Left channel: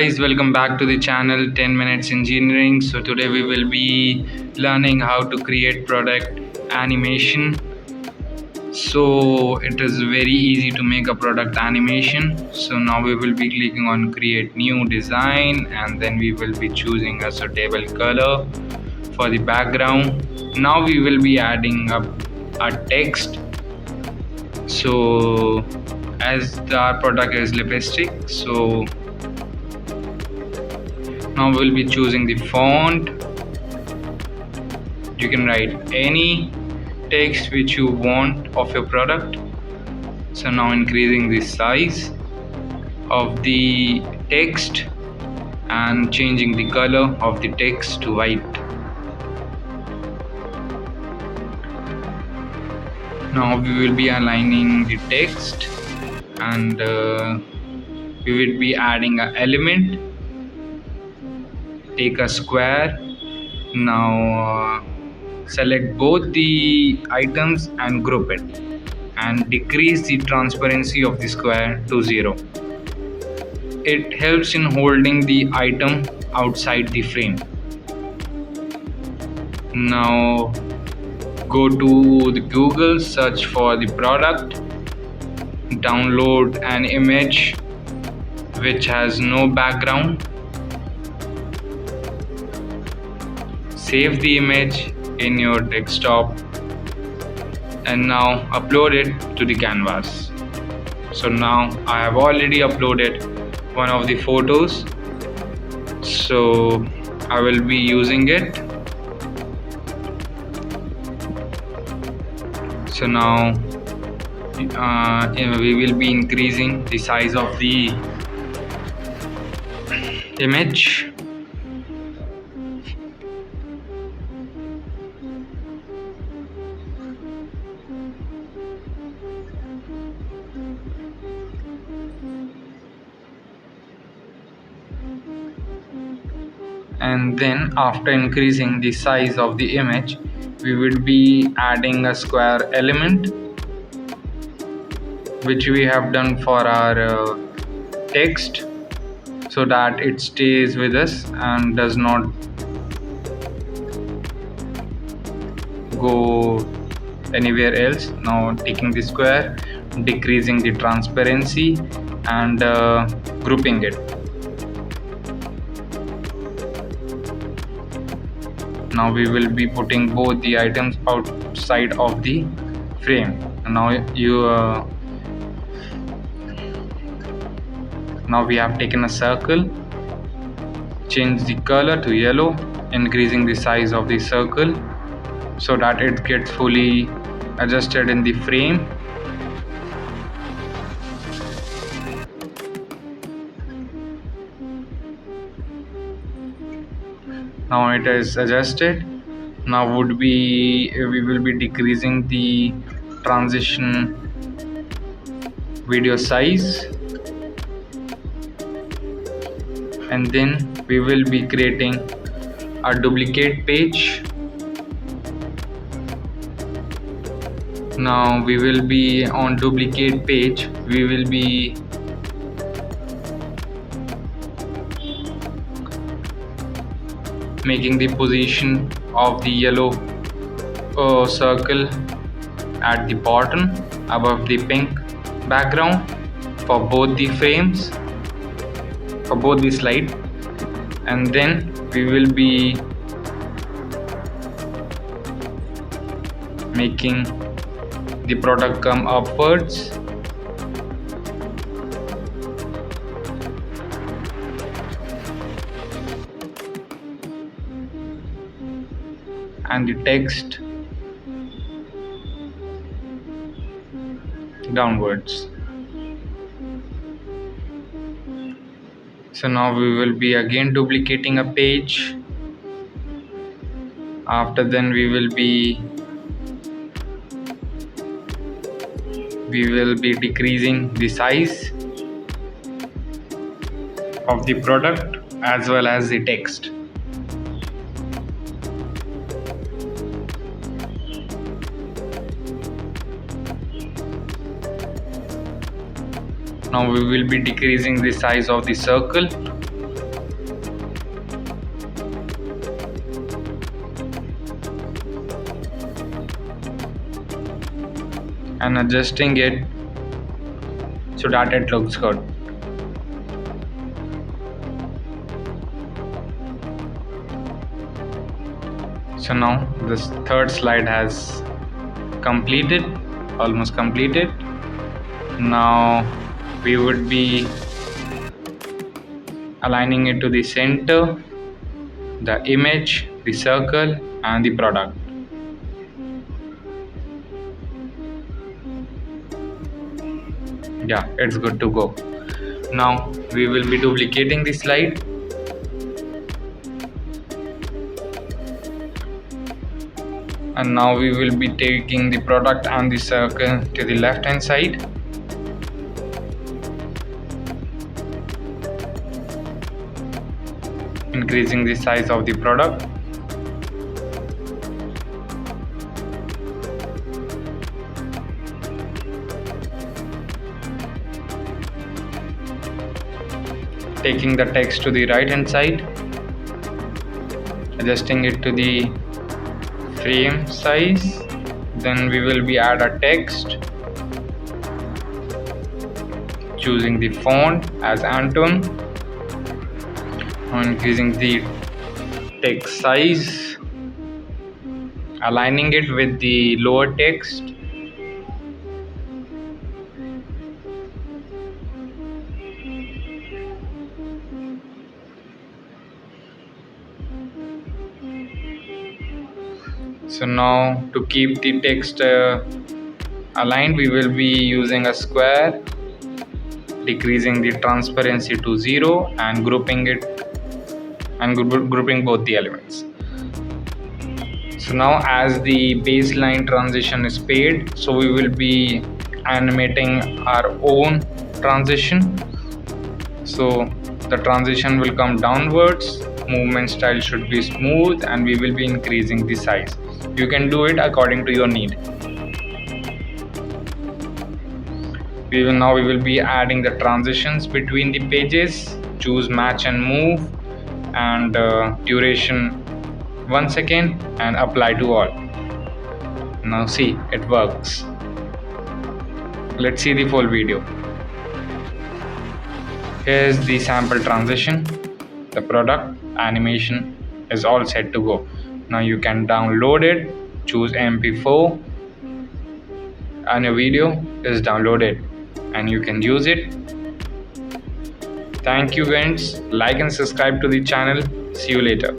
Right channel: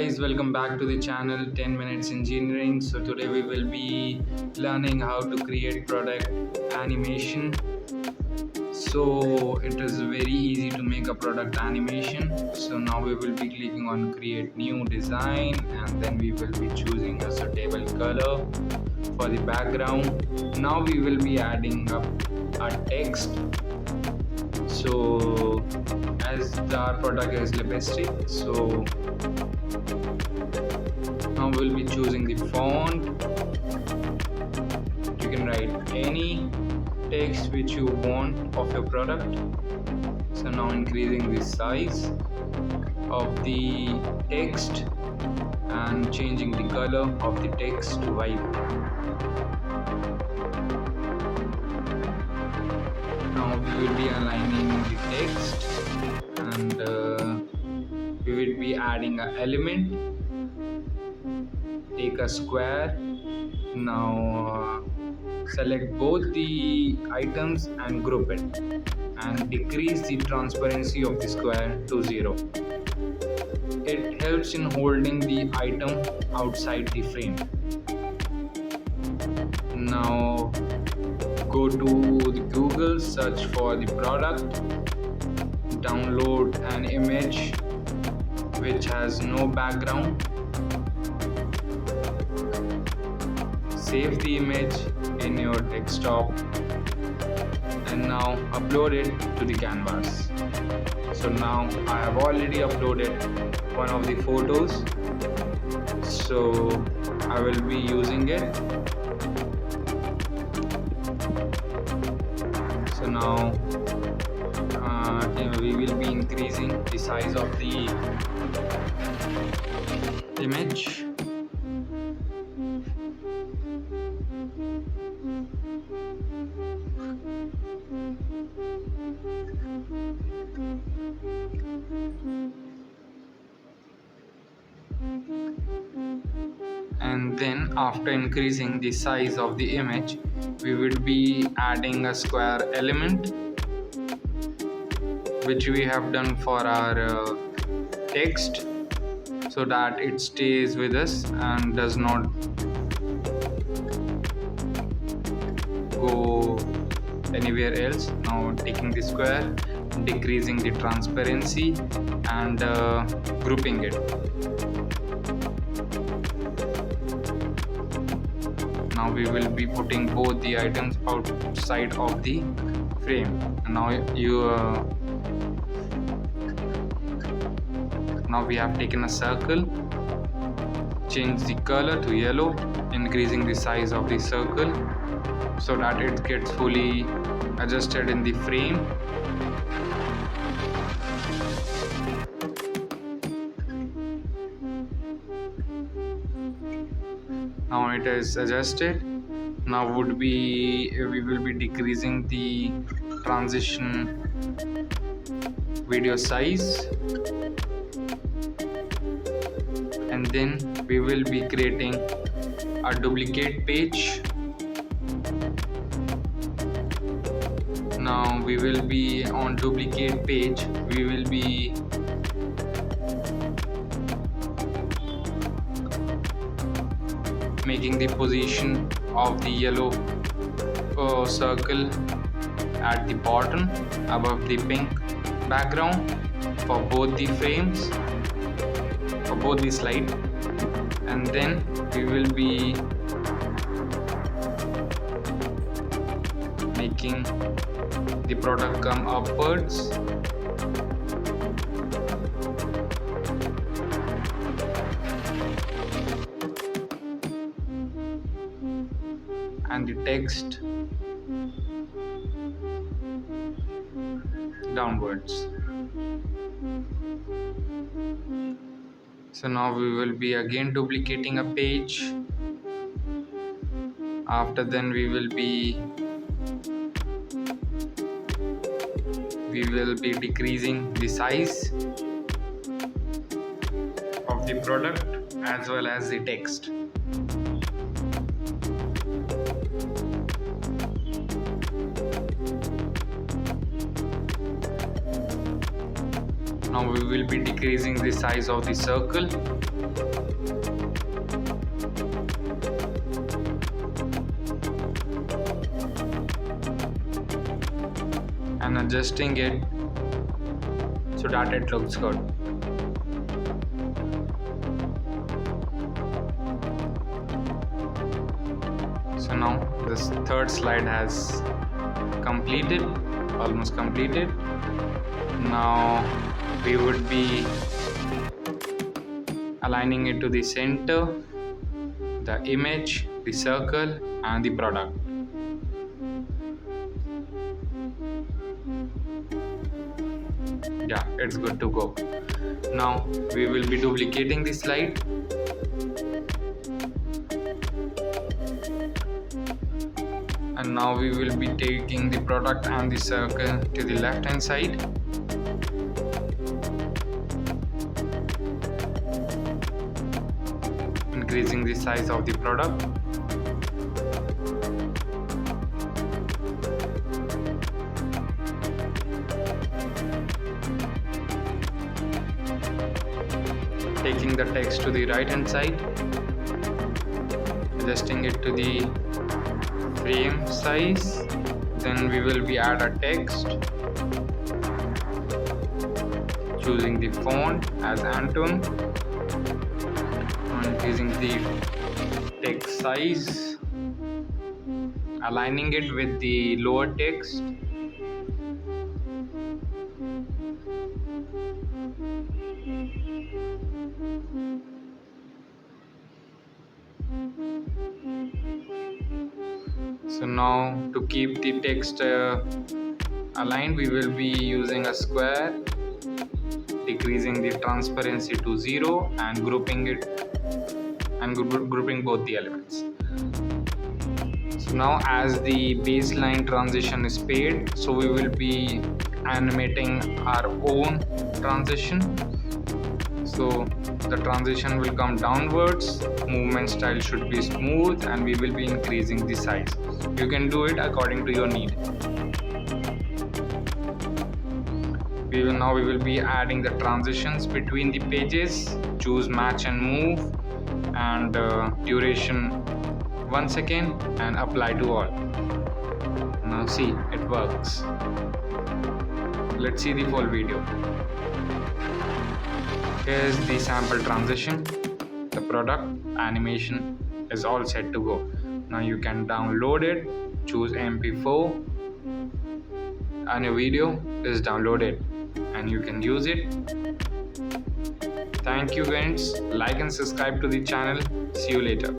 guys, welcome back to the channel 10 minutes engineering. So today we will be learning how to create product animation. So it is very easy to make a product animation. So now we will be clicking on create new design, and then we will be choosing a suitable color for the background. Now we will be adding up a text. So as our product is lipstick, so now we'll be choosing the font. You can write any text which you want of your product. So now increasing the size of the text and changing the color of the text to white. Now we will be aligning the text, and we will be adding an element. Take a square. Now select both the items and group it, and decrease the transparency of the square to 0. It helps in holding the item outside the frame. Now go to the Google, search for the product, download an image which has no background. Save the image in your desktop and now upload it to the canvas. So now I have already uploaded one of the photos, so I will be using it. So now we will be increasing the size of the image. And then after increasing the size of the image, we will be adding a square element which we have done for our text, so that it stays with us and does not go anywhere else. Now taking the square, decreasing the transparency and grouping it. Now we will be putting both the items outside of the frame. Now we have taken a circle, change the color to yellow, increasing the size of the circle so that it gets fully adjusted in the frame. Now it is adjusted. Now we will be decreasing the transition video size, and then we will be creating a duplicate page. Now we will be on duplicate page. We will be making the position of the yellow circle at the bottom above the pink background for both the frames, for both the slide. And then we will be making the product come upwards. And the text downwards. So now we will be again duplicating a page. After then we will be decreasing the size of the product as well as the text. Now we will be decreasing the size of the circle and adjusting it so that it looks good. So now this third slide has completed, almost completed. Now we would be aligning it to the center, the image, the circle, and the product. Yeah, it's good to go. Now we will be duplicating the slide. And now we will be taking the product and the circle to the left hand side. Increasing the size of the product. Taking the text to the right hand side. Adjusting it to the frame size. Then we will be add a text. Choosing the font as Anton. Increasing the text size. Aligning it with the lower text. So now to keep the text aligned, we will be using a square, decreasing the transparency to 0 and grouping both the elements. So now as the baseline transition is paid, so we will be animating our own transition. So the transition will come downwards, movement style should be smooth, and we will be increasing the size. You can do it according to your need. We will be adding the transitions between the pages. Choose match and move and duration 1 second and apply to all. Now see, it works. Let's see the full video. Here's the sample transition. The product animation is all set to go. Now you can download it, choose MP4, and your video is downloaded and you can use it. Thank you guys. Like and subscribe to the channel. See you later.